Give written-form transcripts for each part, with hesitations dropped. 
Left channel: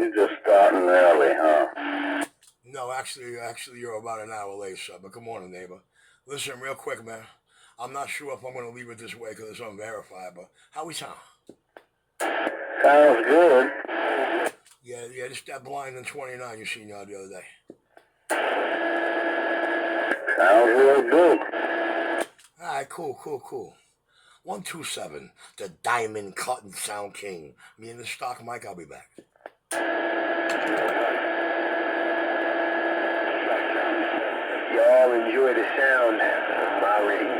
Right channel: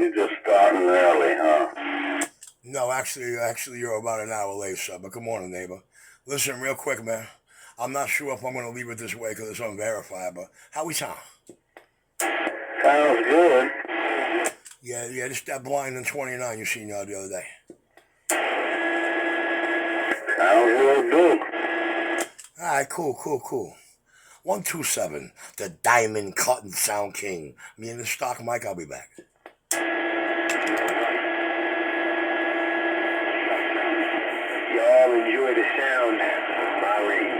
You're just starting early, huh? No, actually, you're about an hour late, sir. But good morning, neighbor. Listen, real quick, man. I'm not sure if I'm gonna leave it this way because it's unverified. But how we sound? Sounds good. Yeah. This that blind in 29 you seen the other day. Sounds real good. All right, cool. 127, the Diamond Cutting Sound King. Me and the stock mic. I'll be back. Y'all enjoy the sound of my radio.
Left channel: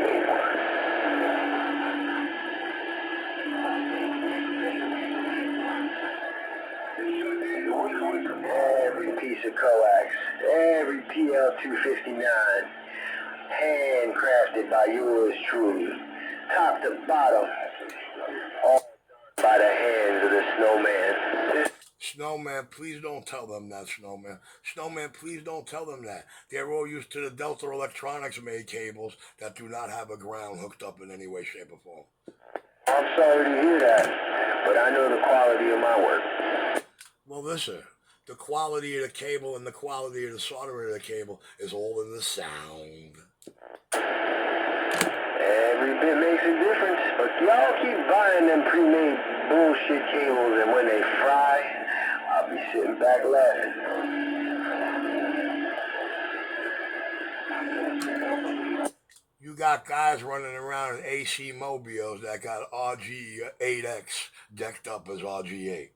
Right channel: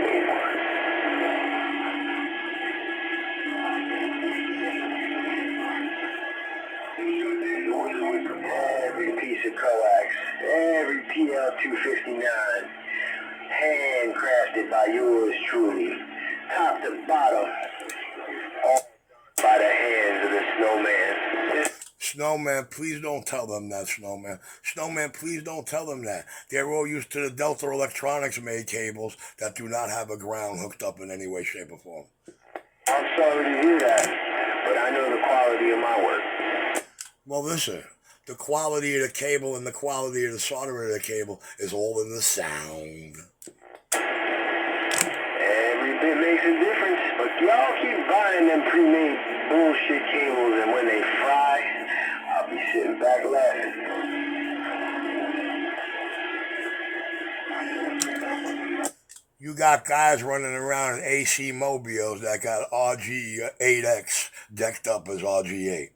Every piece of coax, every PL259, handcrafted by yours truly, top to bottom, all by the hands of the snowman. Snowman, please don't tell them that, Snowman. Snowman, please don't tell them that. They're all used to the Delta Electronics made cables that do not have a ground hooked up in any way, shape, or form. I'm sorry to hear that, but I know the quality of my work. Well, listen, the quality of the cable and the quality of the soldering of the cable is all in the sound. Every bit makes a difference, but y'all keep buying them pre-made bullshit cables, and when they fry, I'll be sitting back laughing. You got guys running around in AC mobiles that got RG8X decked up as RG8.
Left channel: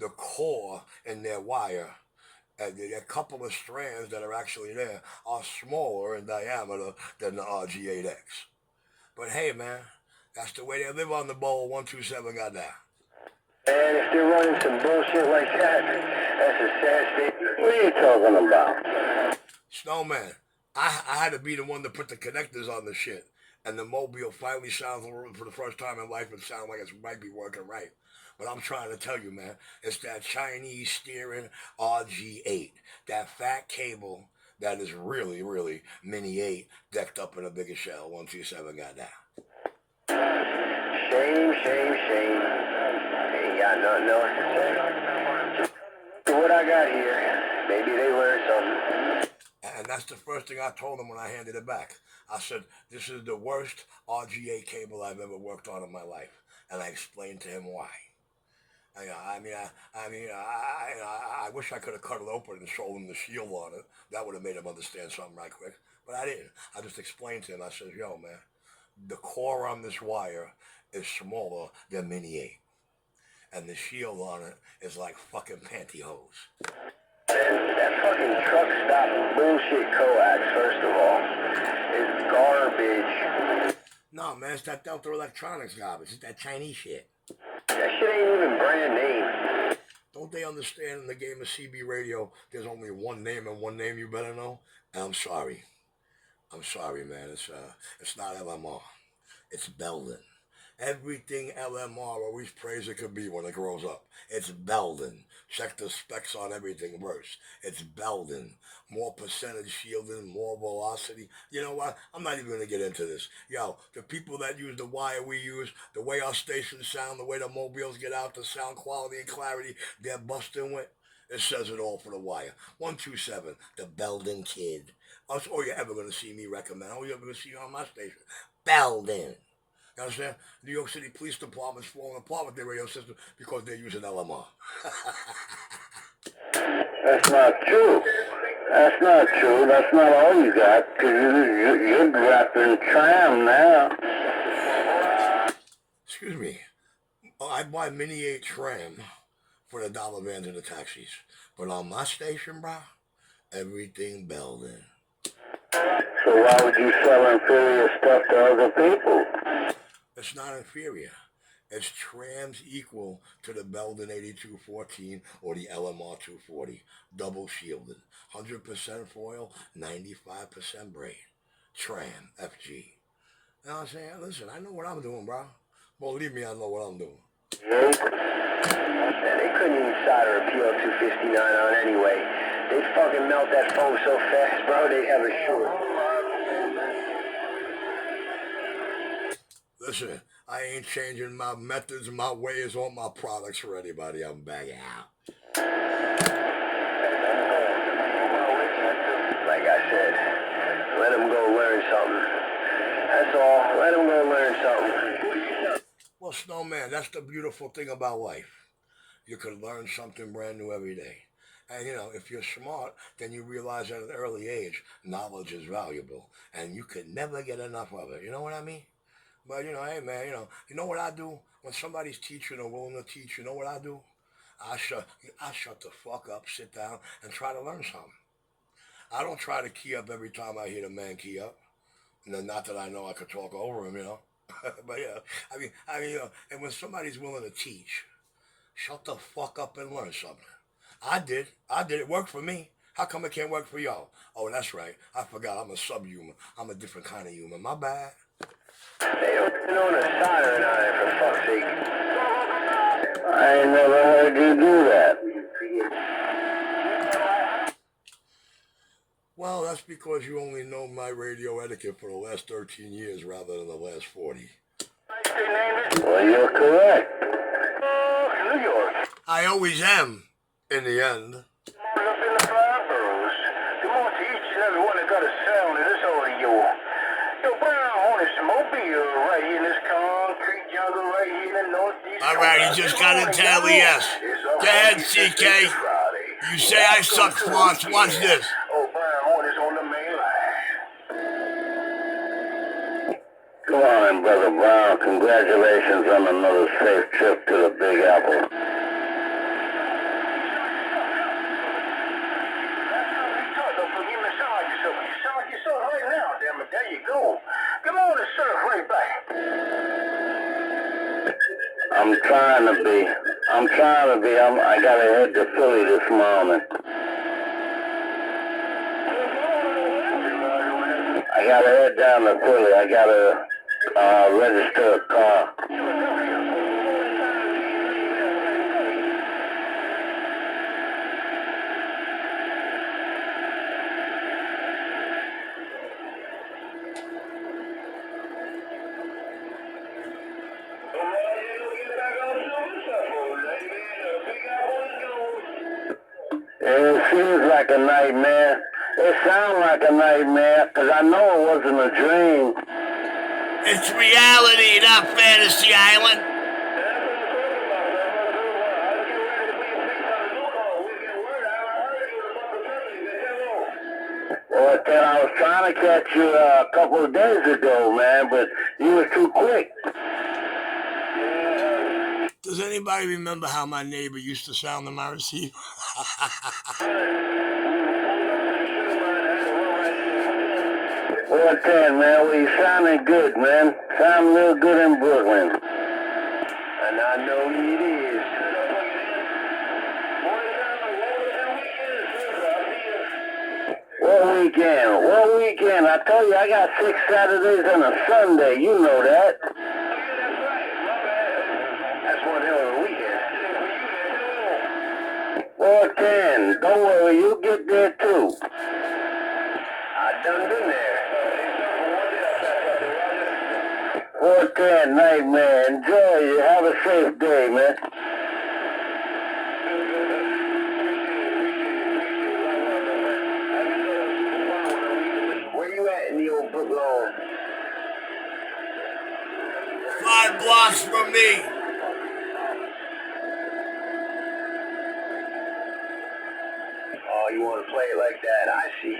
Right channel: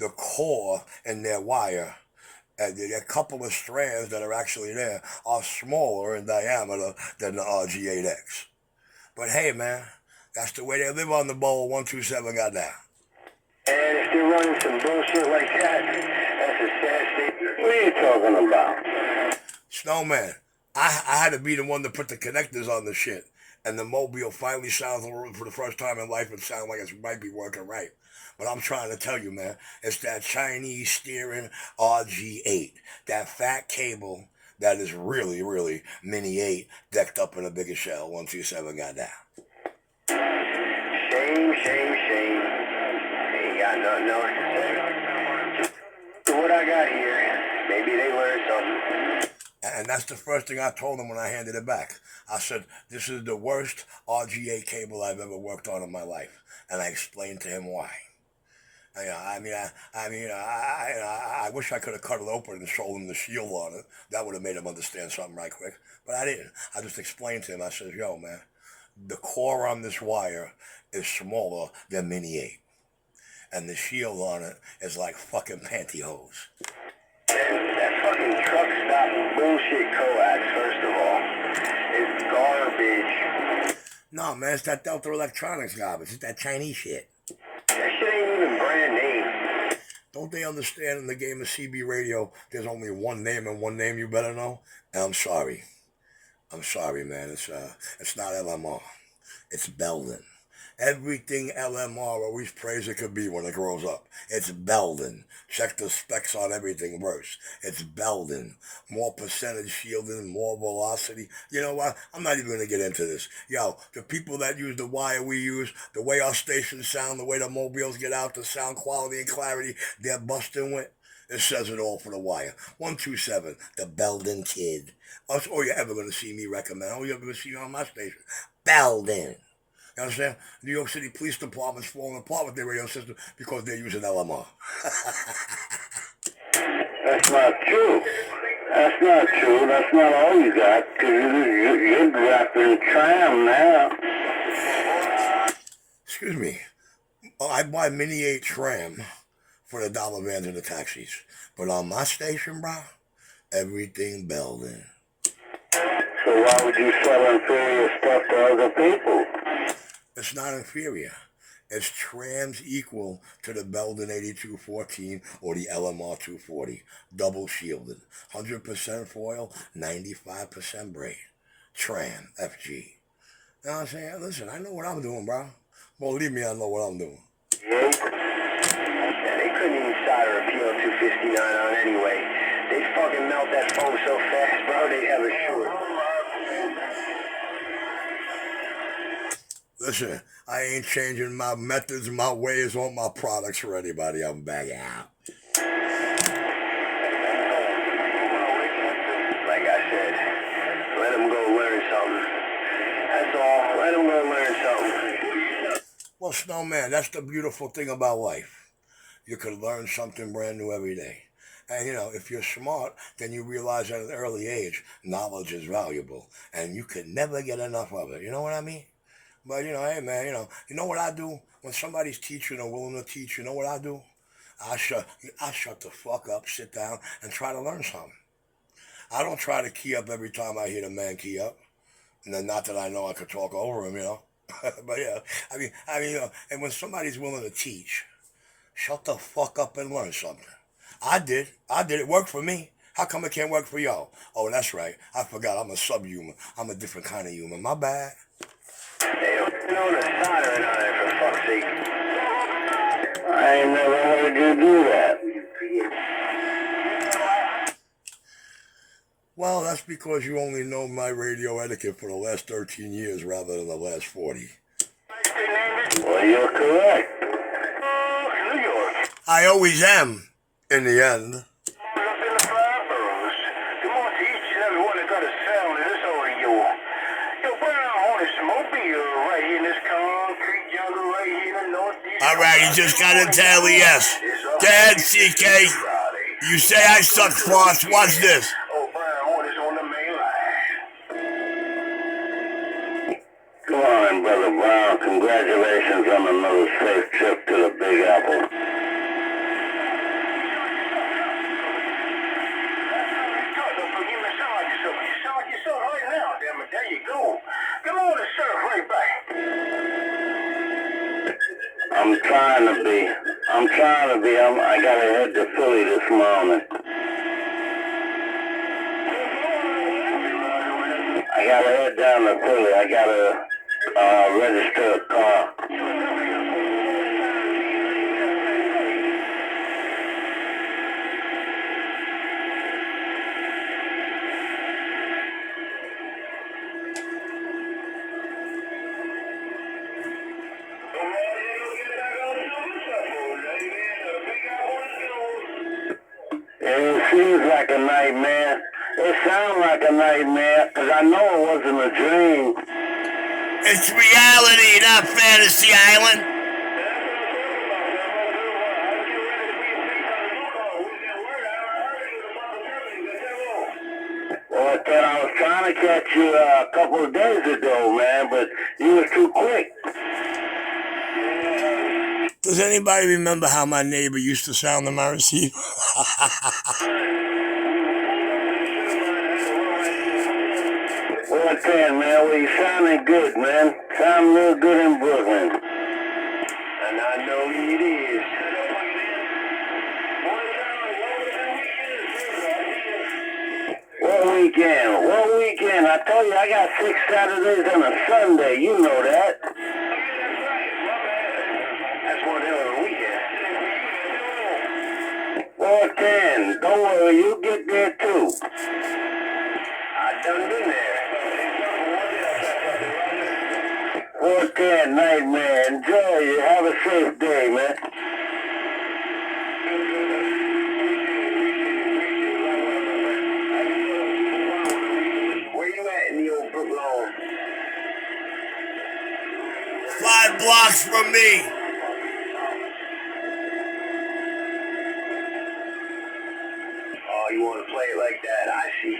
The core and their wire, and a couple of strands that are actually there, are smaller in diameter than the RG8X. But hey, man, that's the way they live on the bowl. 127 got down. And if they're running some bullshit like that, that's a sad state. What are you talking about? Snowman, I had to be the one to put the connectors on the shit. And the mobile finally sounds, for the first time in life, it sounds like it might be working right. But I'm trying to tell you, man, it's that Chinese steering RG8, that fat cable that is really, really Mini 8 decked up in a bigger shell. 127 got down. Shame. Ain't got nothing else to say. Just what I got here. Maybe they learned something. And that's the first thing I told him when I handed it back. I said, this is the worst RGA cable I've ever worked on in my life. And I explained to him why. I wish I could have cut it open and showed him the shield on it. That would have made him understand something right quick. But I didn't. I just explained to him. I said, yo, man, the core on this wire is smaller than Mini 8. And the shield on it is like fucking pantyhose. That fucking truck stop bullshit coax, first of all, is garbage. No, man, it's that Delta Electronics garbage. It's that Chinese shit. That shit ain't even brand name. Don't they understand in the game of CB radio, there's only one name and one name you better know? And I'm sorry, man. It's not LMR. It's Belden. Everything LMR always prays it could be when it grows up. It's Belden. Check the specs on everything first. It's Belden. More percentage shielding, more velocity. You know what? I'm not even going to get into this. Yo, the people that use the wire we use, the way our stations sound, the way the mobiles get out, the sound quality and clarity they're busting with, it says it all for the wire. 127, the Belden kid. That's all you're ever going to see me recommend. All you're ever going to see on my station. Belden. You understand? New York City Police Department's falling apart with their radio system because they're using LMR. That's not true. That's not all you got, because you're dropping tram now. Excuse me. I buy Mini 8 tram for the dollar vans and the taxis. But on my station, bro, everything Belden. So why would you sell inferior stuff to other people? It's not inferior. It's trams equal to the Belden 8214 or the LMR 240. Double shielded. 100% foil, 95% braid. Tram, FG. You know what I'm saying? Listen, I know what I'm doing, bro. Believe me, I know what I'm doing. Yeah. And they couldn't even solder a PL259 on anyway. They'd fucking melt that foam so fast, bro, they'd have a short. Listen, I ain't changing my methods, my ways, or my products for anybody. I'm back out. Like I said, let him go learn something. That's all. Let him go learn something. Well, Snowman, that's the beautiful thing about life. You could learn something brand new every day. And if you're smart, then you realize at an early age, knowledge is valuable, and you can never get enough of it. You know what I mean? But hey man, you know what I do when somebody's teaching or willing to teach. You know what I do? I shut the fuck up, sit down, and try to learn something. I don't try to key up every time I hear the man key up, and then not that I know I could talk over him. But yeah, and when somebody's willing to teach, shut the fuck up and learn something. I did. It worked for me. How come it can't work for y'all? Oh, that's right. I forgot. I'm a subhuman. I'm a different kind of human. My bad. They don't know the siren on it, for fuck's sake. I ain't never heard you do that. Well, that's because you only know my radio etiquette for the last 13 years rather than the last 40. Well, you're correct. New York. I always am, in the end. Up in the five boroughs. Come on to each and every one that got a sound in this audio. Yo, Brown Hornets Mobile right here in this concrete jungle right here in the northeast. All right, you just got to tell yes. Go ahead, CK. You say I suck farts. Watch this. Oh, Brown Hornets on the main line. Come on, Brother Brown. Congratulations on another safe trip to the Big Apple. There you go. Come on and surf right back. I'm trying to be. I gotta head to Philly this morning. I gotta head down to Philly. I gotta register a car. It seems like a nightmare. It sounds like a nightmare, because I know it wasn't a dream. It's reality, not fantasy island. Well, Ted, I was trying to catch you a couple of days ago, man, but you was too quick. Does anybody remember how my neighbor used to sound in my receiver? Well, Ted, man, well, you sounding good, man. Sound real good in Brooklyn. And I know it is. What weekend? What weekend? I told you I got 6 Saturdays and a Sunday. You know that. That's one hell of a weekend. Well, Ken, don't worry. You'll get there, too. I done been there. 410 night, man. Enjoy it. Have a safe day, man. Where you at in the old Brooklyn? 5 blocks from me. Oh, you want to play it like that? I see.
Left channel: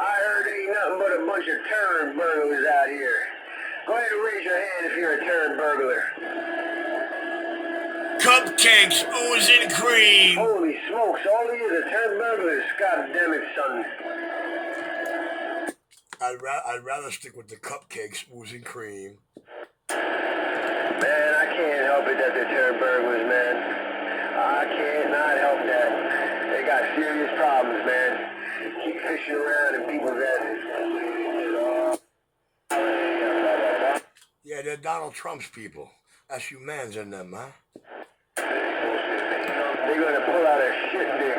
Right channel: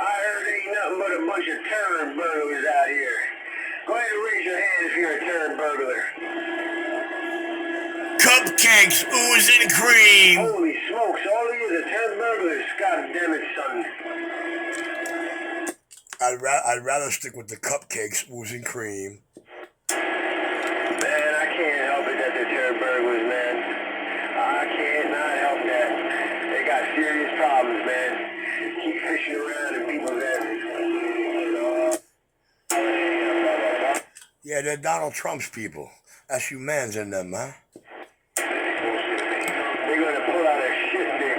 I heard ain't nothing but a bunch of turn burglars out here. Go ahead and raise your hand if you're a turn burglar. Cupcakes, oozing cream. Holy smokes, all of you are turn burglars. God damn it, son. I'd rather stick with the cupcakes, oozing cream. Man, I can't help it that they're turn burglars, man. I can't not help that. They got serious problems, man. Keep fishing around in people's asses. Yeah, they're Donald Trump's people. That's you mans in them, huh? They're gonna pull out a shit dick.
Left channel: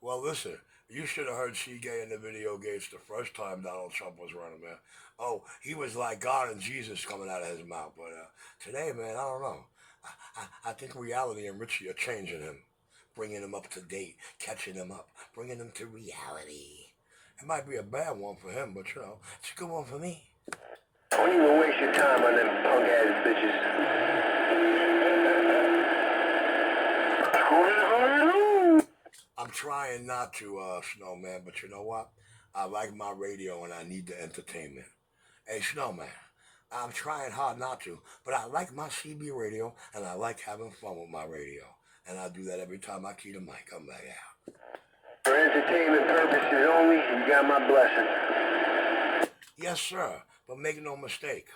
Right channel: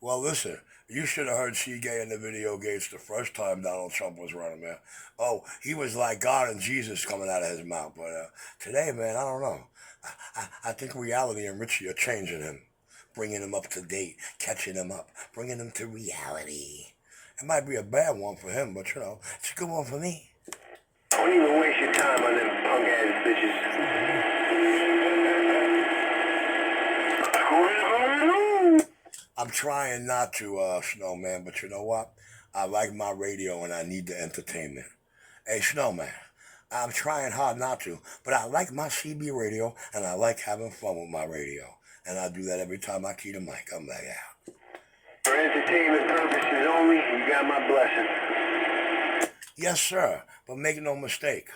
Well, listen, you should have heard C-Gay in the video gates the first time Donald Trump was running, man. Oh, he was like God and Jesus coming out of his mouth. But today, man, I don't know. I think reality and Richie are changing him, bringing him up to date, catching him up, bringing him to reality. It might be a bad one for him, but, you know, it's a good one for me. Don't even waste your time on them punk-ass bitches. I'm trying not to, Snowman, but you know what? I like my radio and I need the entertainment. Hey, Snowman, I'm trying hard not to, but I like my CB radio and I like having fun with my radio. And I do that every time I key the mic. I'm back out. For entertainment purposes only, you got my blessing. Yes, sir, but make no mistake.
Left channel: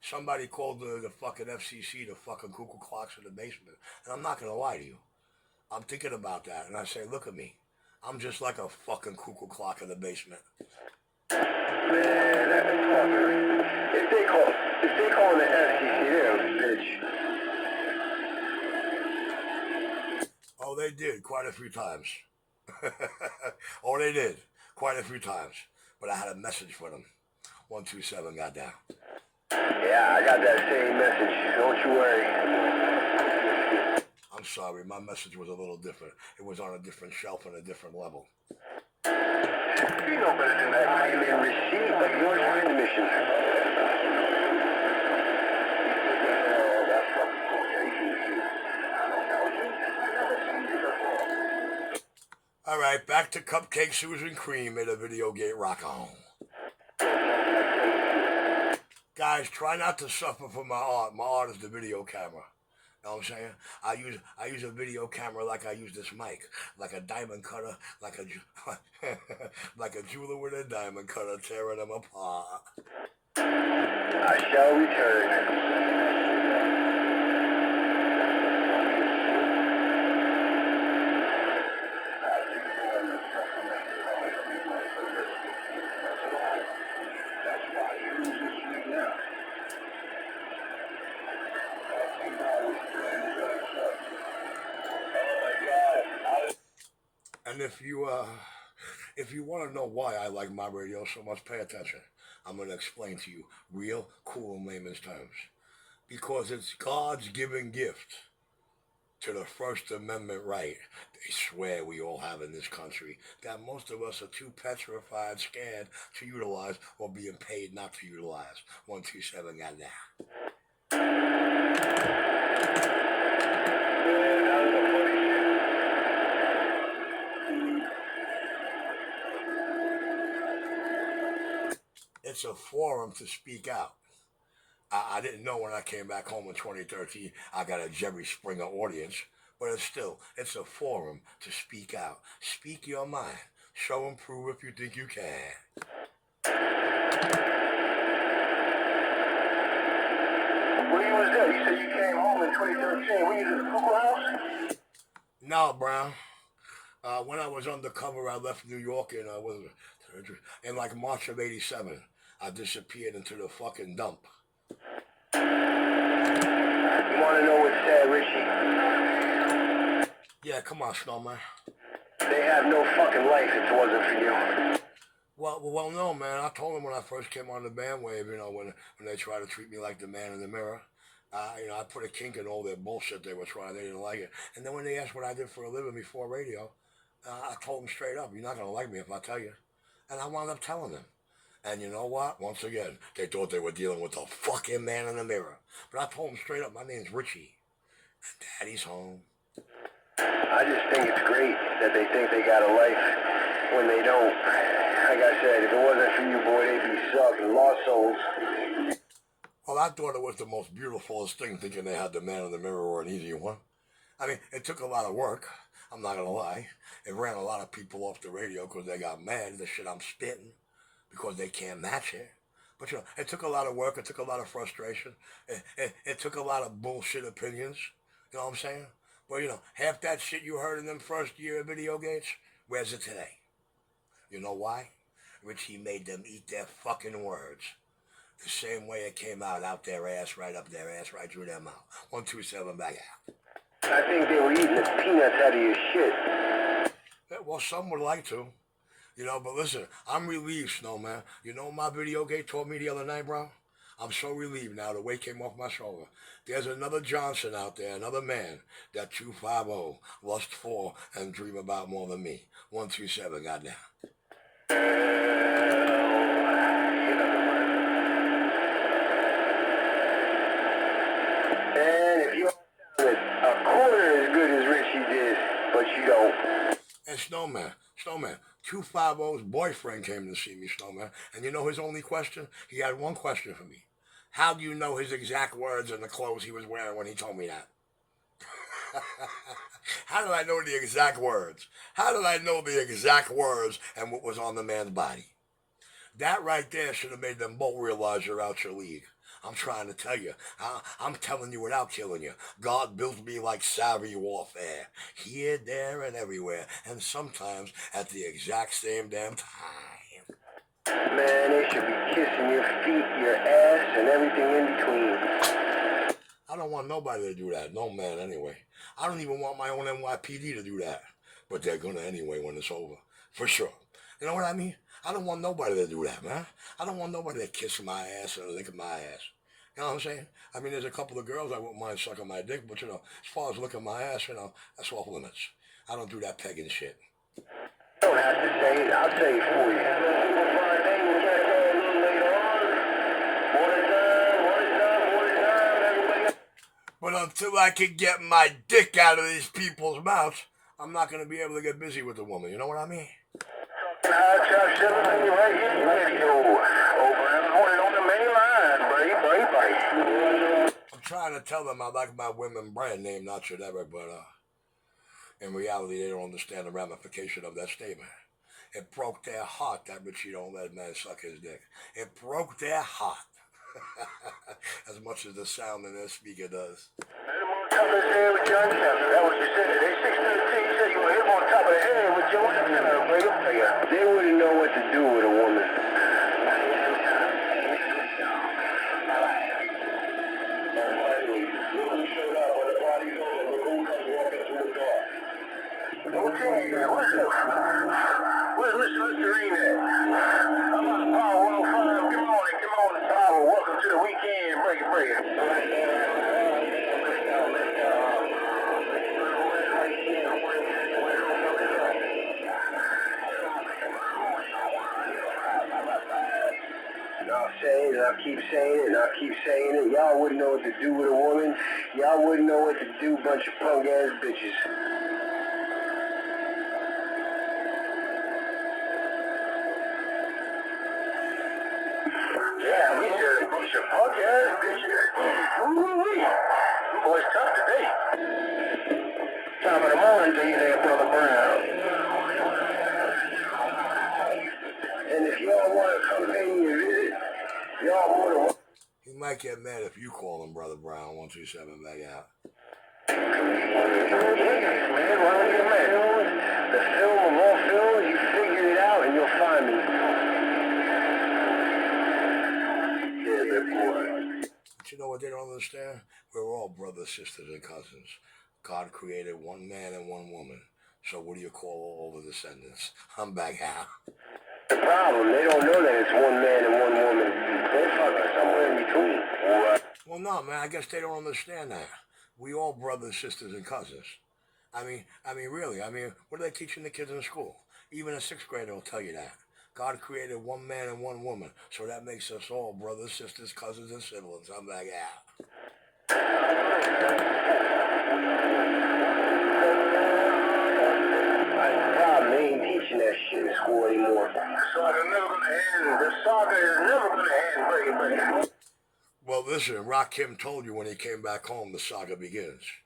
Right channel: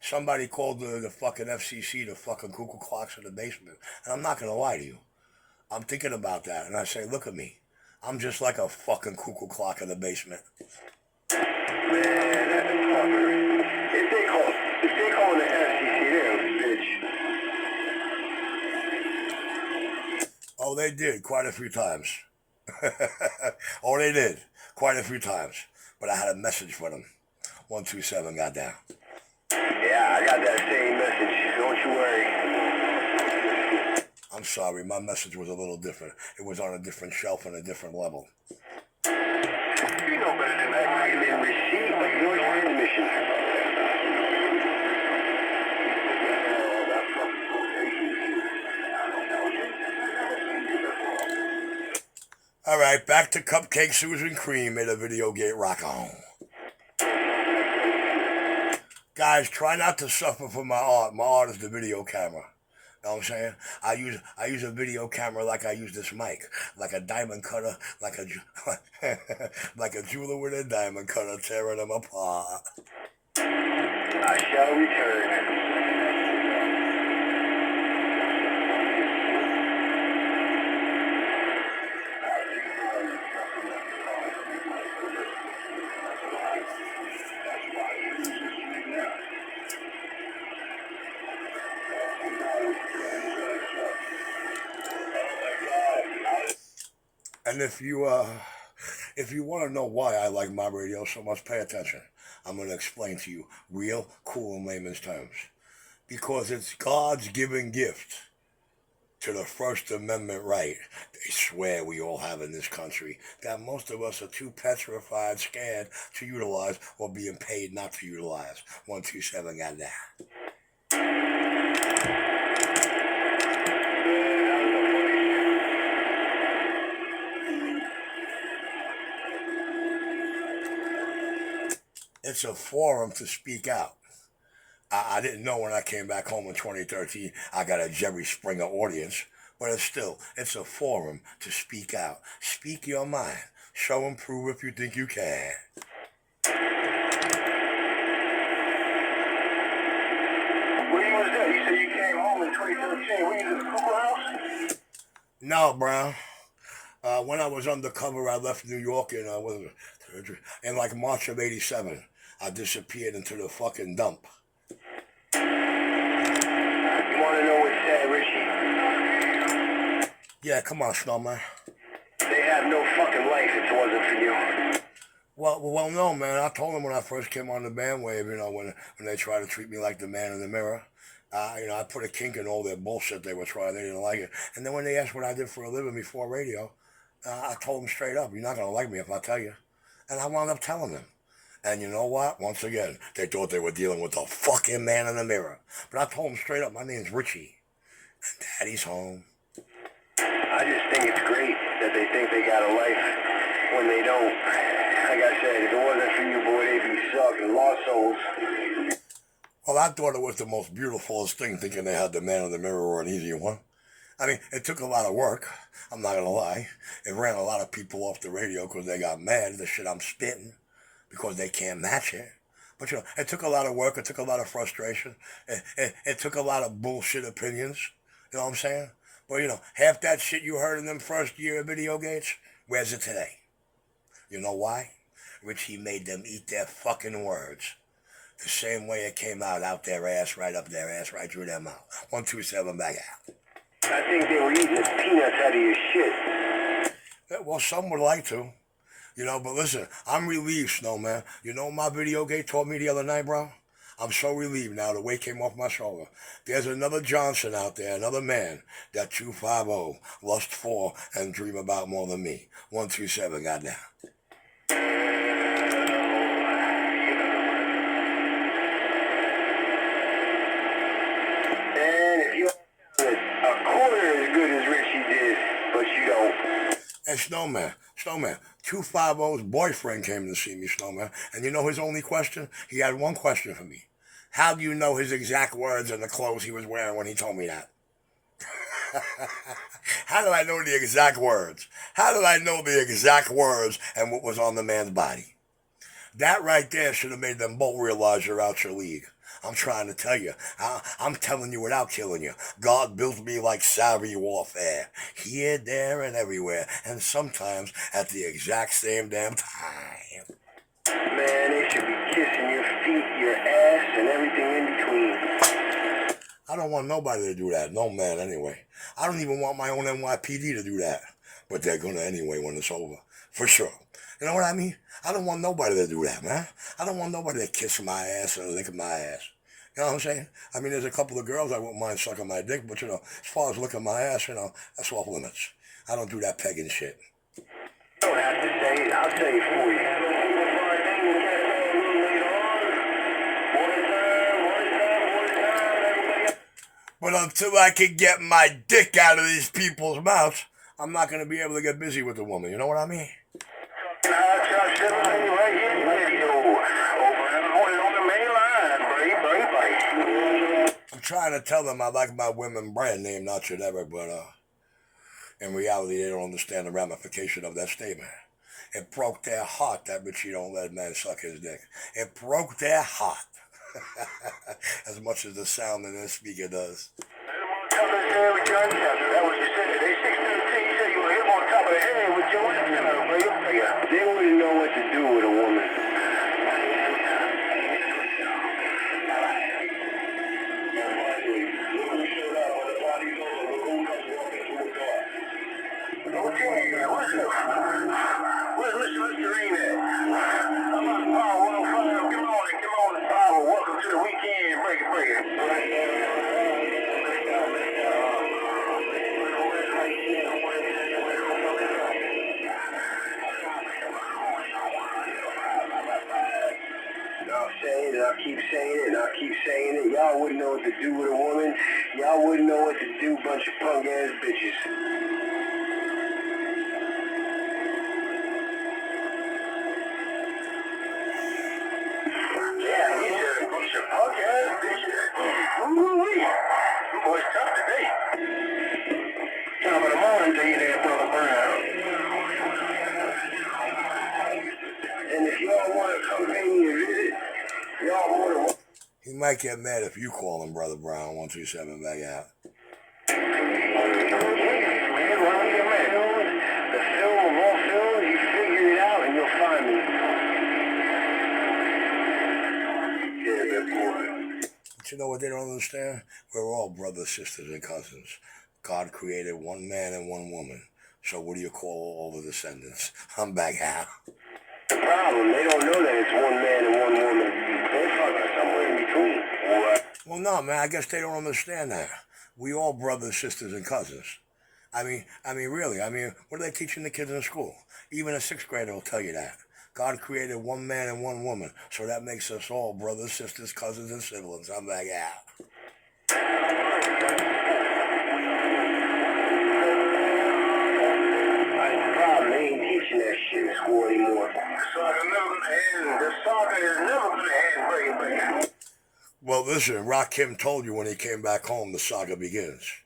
Somebody called the fucking FCC the fucking cuckoo clocks in the basement. And I'm not going to lie to you. I'm thinking about that, and I say, look at me. I'm just like a fucking cuckoo clock in the basement. Man, that's a fucker. If they call the FCC, they're a bitch. Oh, they did quite a few times. Oh, they did quite a few times. But I had a message for them. 127 got down. Yeah, I got that same message. Don't you worry. I'm sorry, my message was a little different. It was on a different shelf and a different level. You know better than that. I can receipt of your transmission. All right, back to Cupcake Susan Cream made a video gate rock on. Guys, try not to suffer for my art. My art is the video camera. You know what I'm saying? I use a video camera like I use this mic, like a diamond cutter, like a like a jeweler with a diamond cutter, tearing them apart. I shall return. And if you want to know why I like my radio so much, pay attention. I'm going to explain to you real cool in layman's terms. Because it's God's given gift to the First Amendment right they swear we all have in this country that most of us are too petrified, scared to utilize or being paid not to utilize. 127 got that. It's a forum to speak out. I didn't know when I came back home in 2013 I got a Jerry Springer audience, But it's a forum to speak out. Speak your mind. Show and prove if you think you can. Where you was at? You said you came home in 2013. Were you in the Cuntrollll house? No, bro. When I was undercover, I left New York in like March of '87. I disappeared into the fucking dump. You want to know what's sad, Richie? Yeah, come on, Snowman. They have no fucking life if it wasn't for you. Well, no, man. I told them when I first came on the bandwave, when they tried to treat me like the man in the mirror. I put a kink in all their bullshit they were trying. They didn't like it. And then when they asked what I did for a living before radio, I told them straight up, you're not going to like me if I tell you. And I wound up telling them. And you know what? Once again, they thought they were dealing with the fucking man in the mirror. But I told them straight up, my name's Richie. And Daddy's home. I just think it's great that they think they got a life when they don't. Like I said, if it wasn't for you, boy, they'd be sucking lost souls. Well, I thought it was the most beautifulest thing, thinking they had the man in the mirror or an easy one. I mean, it took a lot of work. I'm not going to lie. It ran a lot of people off the radio because they got mad at the shit I'm spitting because they can't match it. But, it took a lot of work. It took a lot of frustration. It took a lot of bullshit opinions. You know what I'm saying? But, half that shit you heard in them first year of video games, where's it today? You know why? Richie made them eat their fucking words. The same way it came out their ass, right up their ass, right through their mouth. 127 back out. I think they were eating the peanuts out of your shit. Yeah, well, some would like to. But listen, I'm relieved, Snowman. You know what my video game taught me the other night, bro? I'm so relieved now. The weight came off my shoulder. There's another Johnson out there, another man that 250 lust for and dream about more than me. 127, goddamn. And if you a quarter as good as Richie did, but you don't. And Snowman, 250's boyfriend came to see me, Snowman. And you know his only question? He had one question for me. How do you know his exact words and the clothes he was wearing when he told me that? How do I know the exact words? How did I know the exact words and what was on the man's body? That right there should have made them both realize you're out your league. I'm trying to tell you. I'm telling you without killing you. God built me like savvy warfare. Here, there, and everywhere. And sometimes at the exact same damn time. Man, they should be kissing your feet, your ass, and everything in between. I don't want nobody to do that. No man, anyway. I don't even want my own NYPD to do that. But they're going to anyway when it's over. For sure. You know what I mean? I don't want nobody to do that, man. I don't want nobody to kiss my ass and lick my ass. You know what I'm saying? I mean, there's a couple of girls I wouldn't mind sucking my dick, but, as far as licking my ass, that's off limits. I don't do that pegging shit. You don't have to say it. I'll say it for you. But until I can get my dick out of these people's mouths, I'm not going to be able to get busy with the woman. You know what I mean? I'm trying to tell them I like my women brand name, not should ever, but in reality, they don't understand the ramification of that statement. It broke their heart that Richie don't let a man suck his dick. It broke their heart. As much as the sound in their speaker does. That was you said. They 6'13", you said you were hit him on top of the head with your They wouldn't know what to do with a woman. Okay, where's Mr. Listerine at? I'm on Power 105. Come on, Power. Welcome to the weekend. Break it. I'll keep saying it. Y'all wouldn't know what to do with a woman. Y'all wouldn't know what to do, bunch of punk ass bitches. Yeah, he said a bunch of punk ass bitches. Ooh-wee. Boy's tough today. morning to you there, Brother Brown. And if y'all want to come pay me a visit, y'all more than. He might get mad if you call him Brother Brown 127 back out. Man, why don't you get mad? The film of all films, you figure it out and you'll find me. Yeah, good boy. But you know what they don't understand? We're all brothers, sisters, and cousins. God created one man and one woman. So what do you call all the descendants? I'm back out. The problem, they don't know that it's one man and one woman. They're fucking somewhere in between. What? Well, no, man, I guess they don't understand that. We all brothers, sisters, and cousins. I mean, really, what are they teaching the kids in school? Even a 6th grader will tell you that. God created one man and one woman, so that makes us all brothers, sisters, cousins, and siblings. I'm back out. That's the problem, they ain't teaching that shit in school anymore. The saga is never gonna end for you, Well, listen, Rakim told you when he came back home, the saga begins.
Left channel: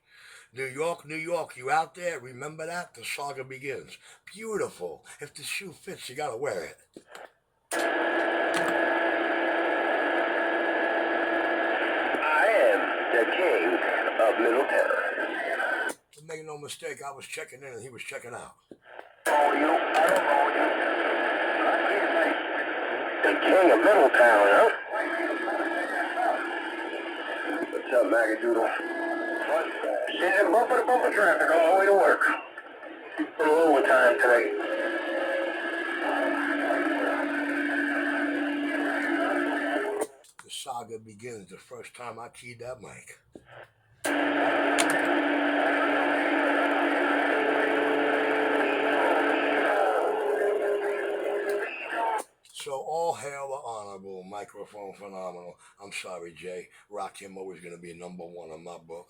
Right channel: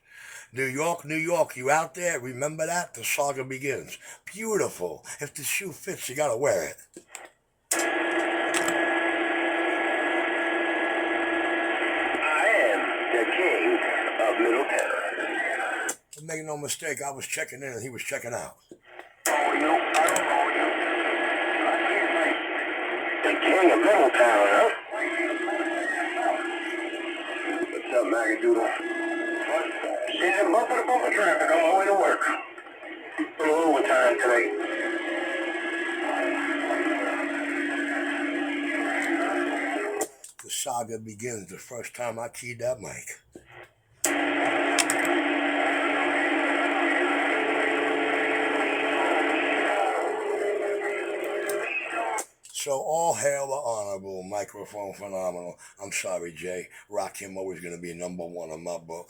New York, New York, you out there? Remember that? The saga begins. Beautiful. If the shoe fits, you gotta wear it. I am the king of Middle Town. But make no mistake, I was checking in and he was checking out. Oh, you? I don't know you. The king of Middle Town, huh? What's up, Magadoodle? Season bumper-to-bumper traffic all the way to work. A little overtime tonight. The saga begins the first time I keyed that mic. So all hail the honorable microphone phenomenal. I'm sorry, Jay. Rakim always going to be #1 in my book.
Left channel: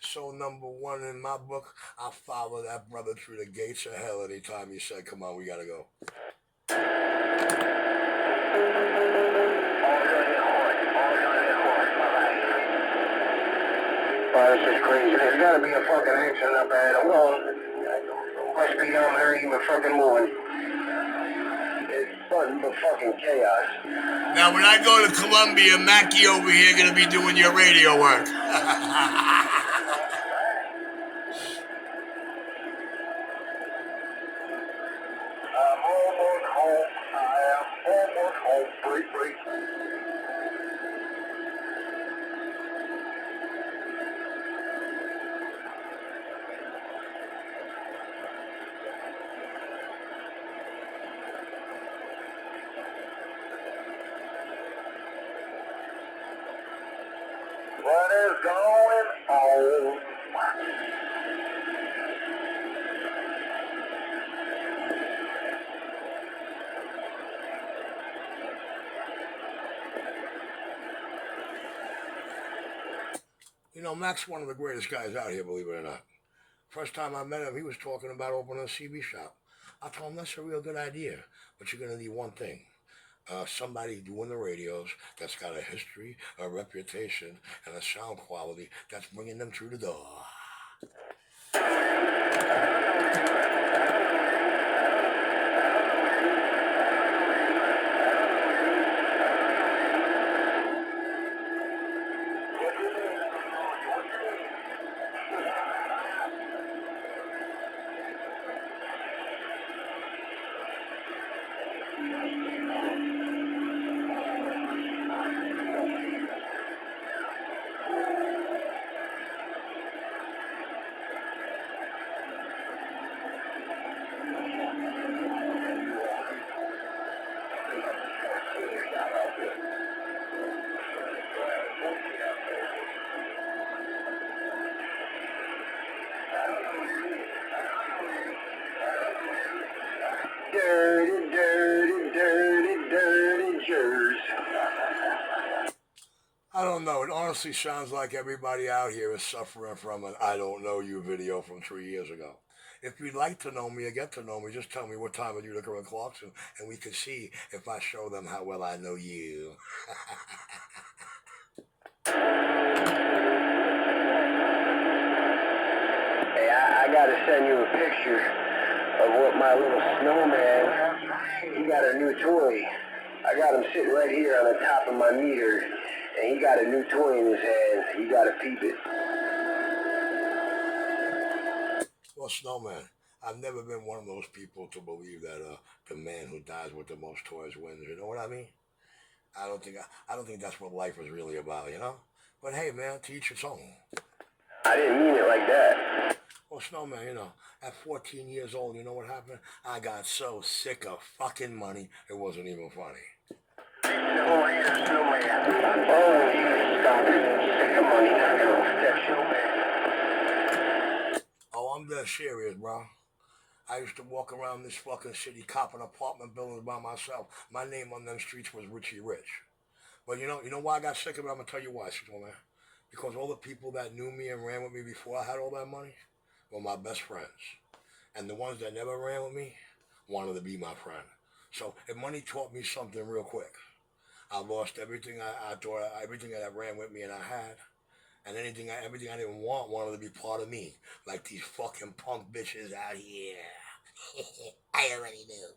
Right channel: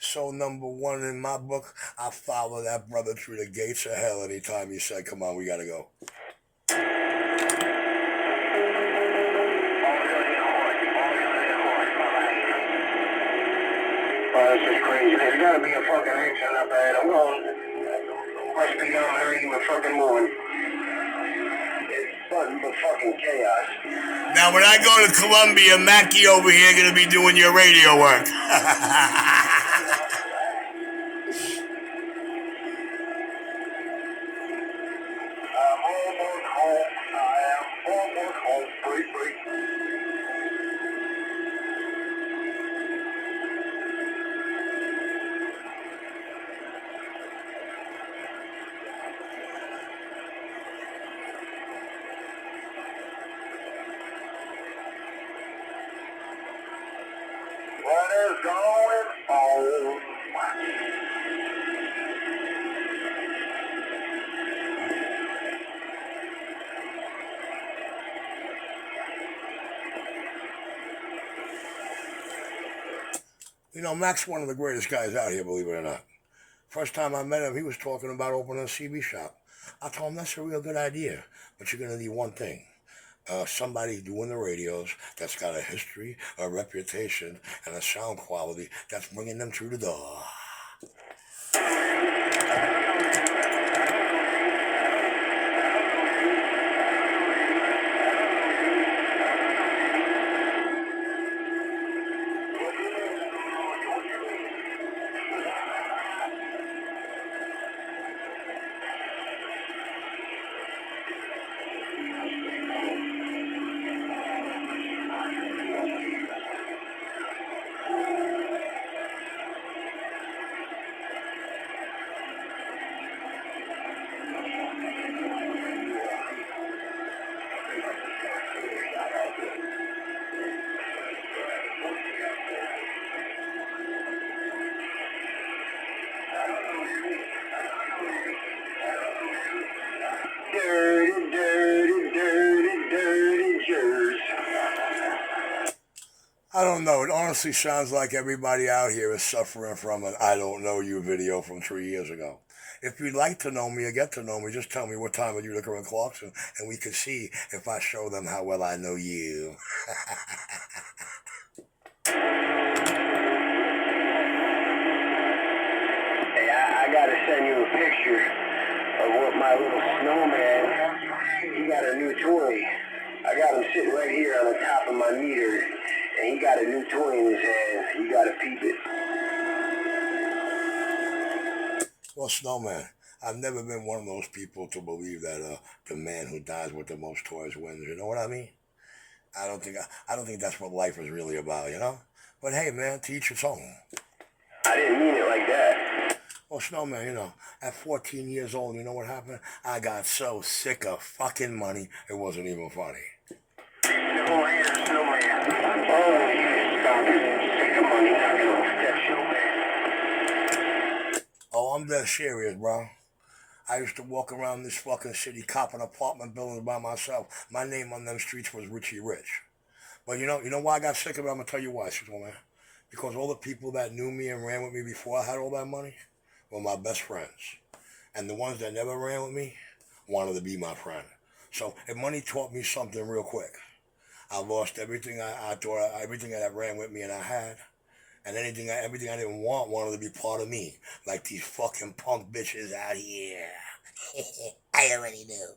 So #1 in my book, I follow that brother through the gates of hell anytime he said, come on, we got to go. This is crazy. There's gotta be a fucking accident up ahead. I'm going. Must be down there even fucking moving. It's nothing but fucking chaos. Now, when I go to Columbia, Mackie over here going to be doing your radio work. I'm almost home. I am almost home. Break. What is going on? You know, Mac's one of the greatest guys out here, believe it or not. First time I met him, he was talking about opening a CB shop. I told him that's a real good idea, but you're going to need one thing. Somebody doing the radios that's got a history, a reputation, and a sound quality that's bringing them through the door. I don't know. It honestly sounds like everybody out here is suffering from an I don't know you video from 3 years ago. If you'd like to know me or get to know me, just tell me what time of you liquor in Clarkson, and we can see if I show them how well I know you. Hey, I gotta send you a picture of what my little snowman, he got a new toy. I got him sitting right here on the top of my meter, and he got a new toy in his hand. You gotta peep it. Well, Snowman, I've never been one of those people to believe that the man who dies with the most toys wins. You know what I mean? I don't think that's what life is really about. You know? But hey, man, to each its own. I didn't mean it like that. Well, Snowman, at 14 years old, you know what happened? I got so sick of fucking money, it wasn't even funny. Snowman, snowman. Oh, you scoundrel. Sick of money. I'm gonna step you, man. Oh, I'm dead serious, bro. I used to walk around this fucking city copping apartment buildings by myself. My name on them streets was Richie Rich. But you know why I got sick of it? I'm gonna tell you why, Snowman. Because all the people that knew me and ran with me before I had all that money were my best friends. And the ones that never ran with me wanted to be my friend. So if money taught me something real quick, I lost everything I thought, everything that ran with me and I had. And everything I didn't want wanted to be part of me. Like these fucking punk bitches out here. I already knew.